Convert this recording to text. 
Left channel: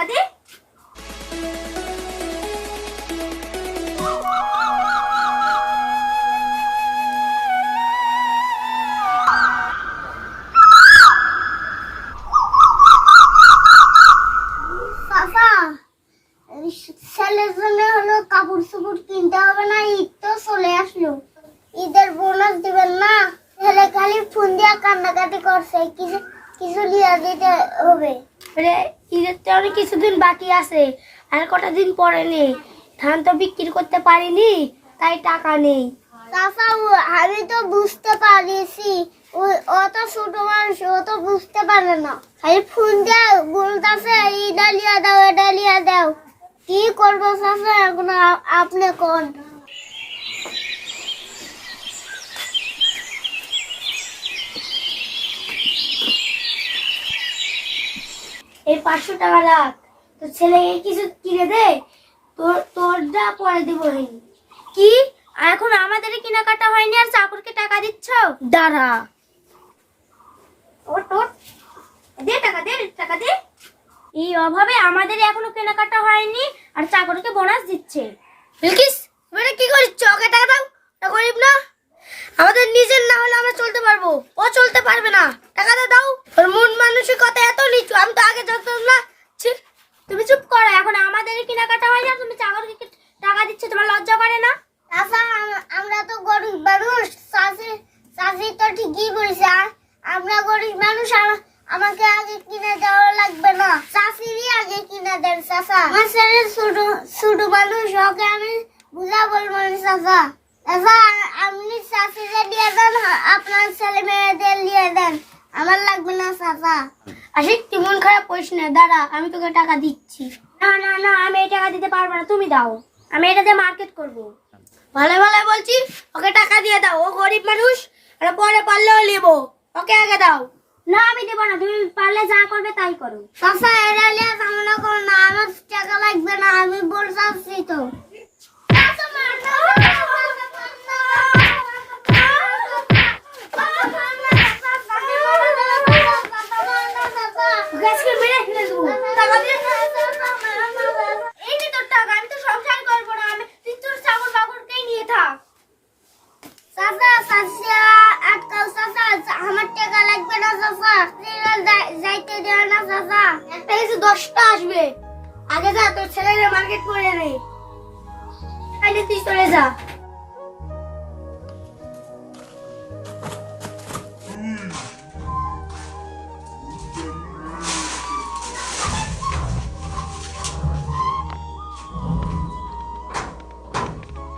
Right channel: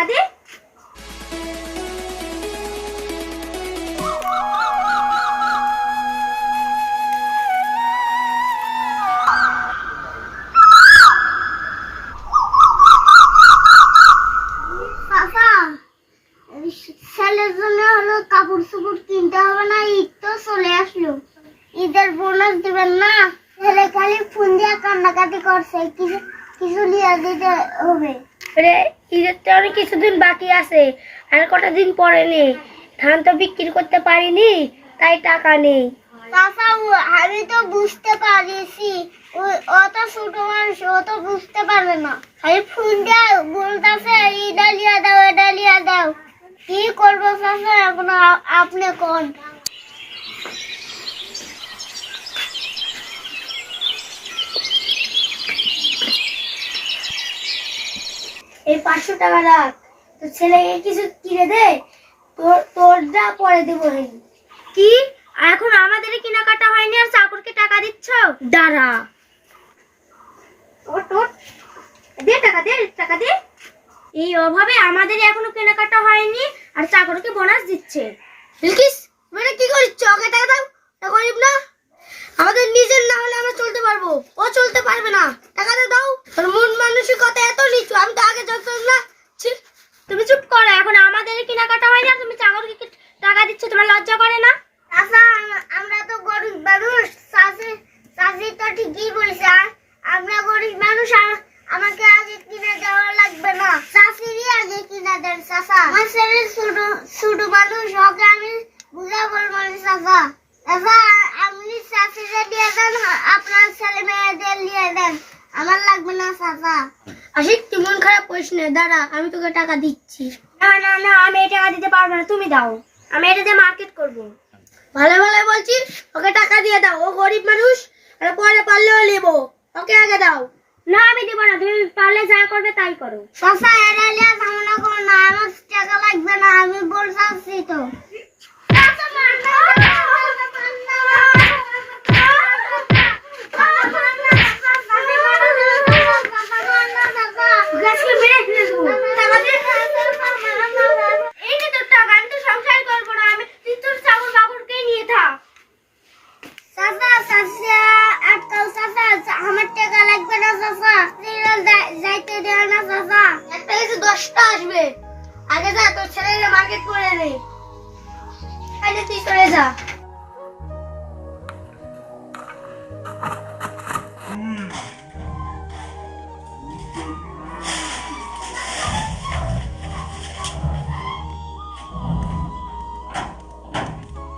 টাকা দে। ছেলের জন্য হলো কাপড় চোপড় কিনতে হবে না, ঈদ তো চলে আসলো, ঈদের বোনাস দিবেন না? ছেলে খালি ফোন দিয়ে কান্নাকাটি করছে, কিছু কিছু লিয়ে দিতে হবে। ঈদের তো অনেক কিছুদিন বাকি আছে, আর কটা দিন পরে নেই, ধান তো বিক্রি করতে পারিনি, তাই টাকা নেই। চাচা আমি তো বুঝতে পারিছি, অত ছোট মানুষ ও তো বুঝতে পারবে না, খালি ফোন দিয়ে বলতেছে এটা লিয়ে দাও এটা লিয়ে দাও। কি করবো চাচা এখন আপনি কোন? এই 500 টাকা রাখ, তো ছেলেকে কিছু কিনে দে, তোরটা পরে দেবো। কি এখন আমাদের কেনাকাটা হয়নি আর চাকরকে টাকা দিচ্ছ? দাঁড়া, দে টাকা দে, টাকা দে। এই অভাবে আমাদের এখনো কেনাকাটা হয়নি আর চাকরকে বোনাস দিচ্ছে। বিলকিস মানে কি করিস? ওকে টাকা দাও, গরিব না, আমাদের নিজের না হলে আমরা চলতে পারবো, ও চলতে পারবে না, টাকাটা দাও। তোর মন মানসিকতা এত নিচু, আমি তো আগে জানতাম না। তুমি চুপ করো, এখন আমাদের কেনাকাটা হয়নি আর তুমি চাকরকে টাকা দিচ্ছ, তোমার লজ্জা করে না? আচ্ছা আমরা তো গরিব মানুষ, চাষি তো ঠিকই বলছে, আমরা গরিব মানুষ, আমাকে আগে কিনে দেওয়া লাগবে না, চাষিরই আগে কিনে দেন চাচা। আমার ছেলে ছোট মানুষ, ওকে আমি বুঝা বলবো না চাচা। চাচা আপনি চাষিরা দিয়ে দেন, আপনার ছেলে মেয়েদের দিয়ে দেন, আমার লাগবে না চাচা। আশিক তুই মন খারাপ করিস না, দাঁড়া আমি তোকে টাকা দিচ্ছি। না না না, আমি এই টাকা দিতে পারবো না, তুমি দাও, আমি এটা দিয়ে মার্কেট করবো। ভালো ভালো বলছি, ওকে টাকা দিয়ে দাও, ও গরিব মানুষ, আর পরে পারলেও নেবো, ওকে আগে দাও। না আমি দেবো না, তুমি পারলে যা করবে তাই করো। চাচা এটা লিয়ে ঝামেলা করো না, আমার টাকা লাগবে না, আমি বলছি তো। আমার টাকা লাগবে না চাচা, যাইতে দেয় না চাচা। একটা কিছু 10টা আসবে, আগে যা তোর ছেলের মার্কেট করে নে, তুই চলে যা।